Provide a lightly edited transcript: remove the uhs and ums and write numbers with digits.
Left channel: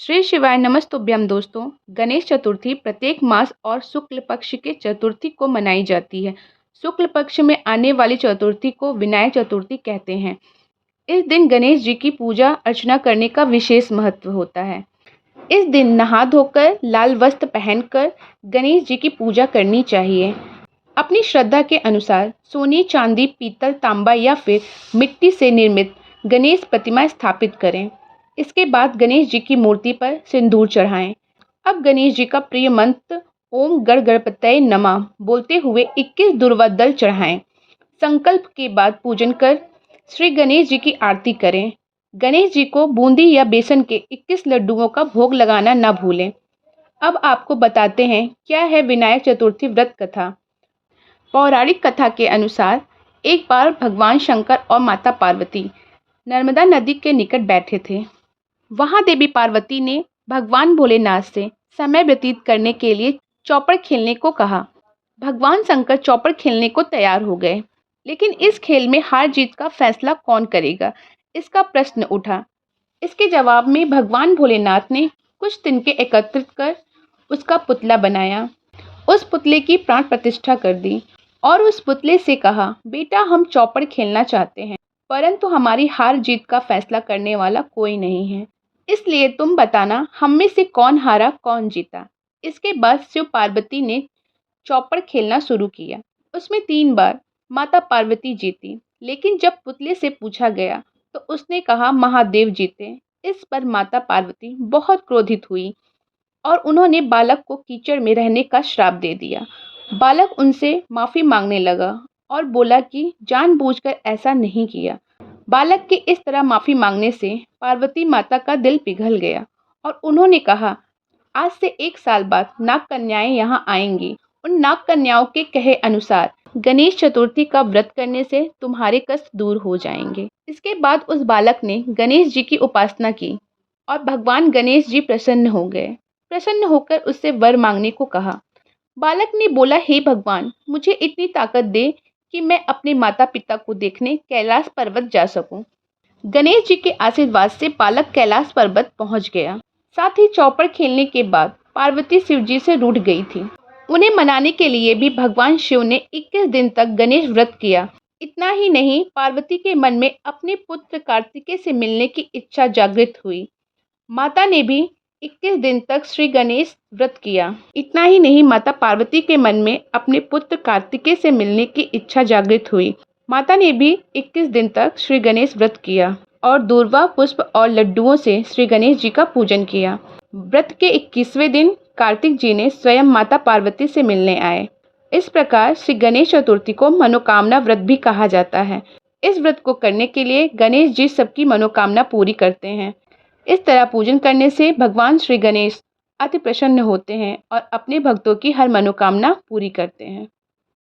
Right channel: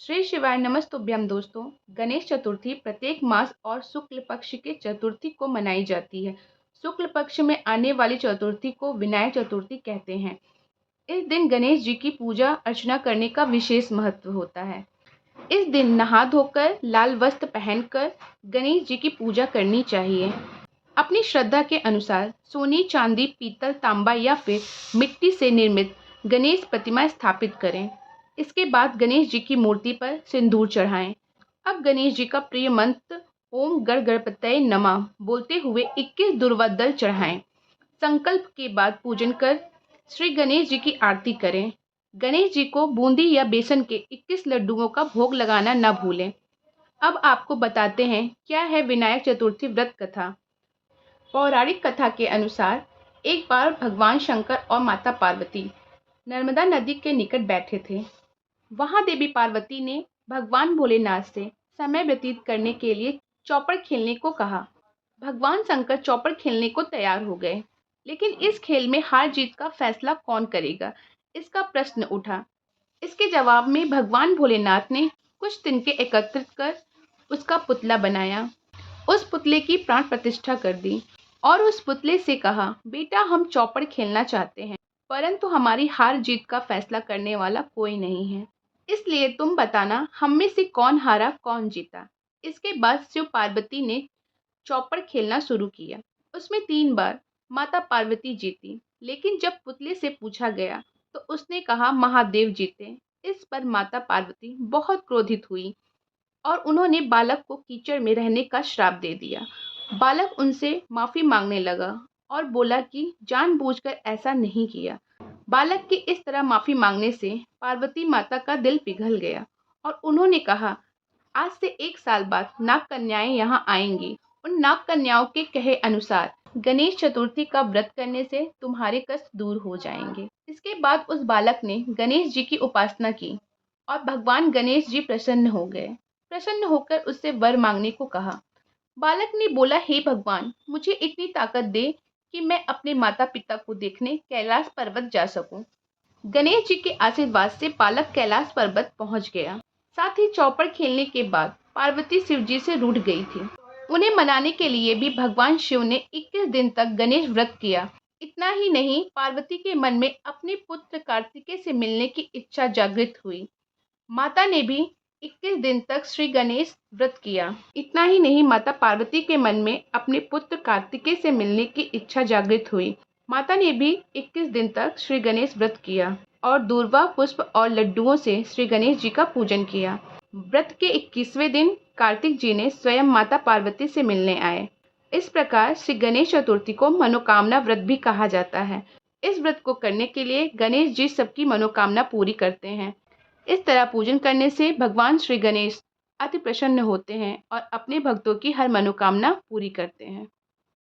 श्री शिवाय नमस्तुभ्यम दोस्तों। गणेश चतुर्थी प्रत्येक मास और शुक्ल पक्ष के चतुर्थी को मनाई जाती है। शुक्ल पक्ष में आने वाली चतुर्थी को विनायक चतुर्थी कहते हैं। इस दिन गणेश जी की पूजा अर्चना करने का विशेष महत्व होता है। इस दिन नहा धोकर लाल वस्त्र पहनकर गणेश जी की पूजा करनी चाहिए। अपनी श्रद्धा के अनुसार सोने, चांदी, पीतल, तांबा या फिर मिट्टी से निर्मित गणेश प्रतिमा स्थापित करें। इसके बाद गणेश जी की मूर्ति पर सिंदूर चढ़ाएं। अब गणेश जी का प्रिय मंत्र ओम गण गणपतये नमः बोलते हुए 21 दूर्वा दल चढ़ाएं। संकल्प के बाद पूजन कर श्री गणेश जी की आरती करें। गणेश जी को बूंदी या बेसन के 21 लड्डुओं का भोग लगाना न भूलें। अब आपको बताते हैं क्या है विनायक चतुर्थी व्रत कथा। पौराणिक कथा के अनुसार एक बार भगवान शंकर और माता पार्वती नर्मदा नदी के निकट बैठे थे। वहां देवी पार्वती ने भगवान भोलेनाथ से समय व्यतीत करने के लिए चौपड़ खेलने को कहा। भगवान शंकर चौपड़ खेलने को तैयार हो गए, लेकिन इस खेल में हार जीत का फैसला कौन करेगा, इसका प्रश्न उठा। इसके जवाब में भगवान भोलेनाथ ने कुछ तिनके एकत्रित कर उसका पुतला बनाया। उस पुतले की प्राण प्रतिष्ठा कर दी और उस पुतले से कहा, बेटा हम चौपड़ खेलना चाहते हैं, परंतु हमारी हार जीत का फैसला करने वाला कोई नहीं है, इसलिए तुम बताना हम में से कौन हारा कौन जीता। इसके बाद शिव पार्वती ने चौपड़ खेलना शुरू किया। उसमें 3 बार माता पार्वती जीती, लेकिन जब पुतले से पूछा गया तो उसने कहा महादेव जीते। इस पर माता पार्वती बहुत क्रोधित हुई और उन्होंने बालक को कीचड़ में रहने का श्राप दे दिया। बालक उनसे माफ़ी मांगने लगा और बोला कि जानबूझकर ऐसा नहीं किया। बालक के इस तरह माफ़ी मांगने से पार्वती माता का दिल पिघल गया और उन्होंने कहा, आज से 1 साल बाद नाग कन्याएं यहाँ आएंगी। उन नाग कन्याओं के कहे अनुसार गणेश चतुर्थी का व्रत करने से तुम्हारे कष्ट दूर हो जाएंगे। इसके बाद उस बालक ने गणेश जी की उपासना की और भगवान गणेश जी प्रसन्न हो गए। प्रसन्न होकर उससे वर मांगने को कहा। बालक ने बोला, हे भगवान, मुझे इतनी ताकत दे कि मैं अपने माता पिता को देखने कैलाश पर्वत जा सकूं। गणेश जी के आशीर्वाद से बालक कैलाश पर्वत पहुंच गया। साथ ही चौपड़ खेलने के बाद पार्वती शिव जी से रूठ गई थी। उन्हें मनाने के लिए भी भगवान शिव ने 21 दिन तक गणेश व्रत किया। इतना ही नहीं, पार्वती के मन में अपने पुत्र कार्तिकेय से मिलने की इच्छा जागृत हुई। माता ने भी 21 दिन तक श्री गणेश व्रत किया। इतना ही नहीं, माता पार्वती के मन में अपने पुत्र कार्तिकेय से मिलने की इच्छा जागृत हुई। माता ने भी 21 दिन तक श्री गणेश व्रत किया और दूर्वा, पुष्प और लड्डुओं से श्री गणेश जी का पूजन किया। व्रत के 21वें दिन कार्तिक जी ने स्वयं माता पार्वती से मिलने आए। इस प्रकार श्री गणेश चतुर्थी को मनोकामना व्रत भी कहा जाता है। इस व्रत को करने के लिए गणेश जी सबकी मनोकामना पूरी करते हैं। इस तरह पूजन करने से भगवान श्री गणेश अति प्रसन्न होते हैं और अपने भक्तों की हर मनोकामना पूरी करते हैं।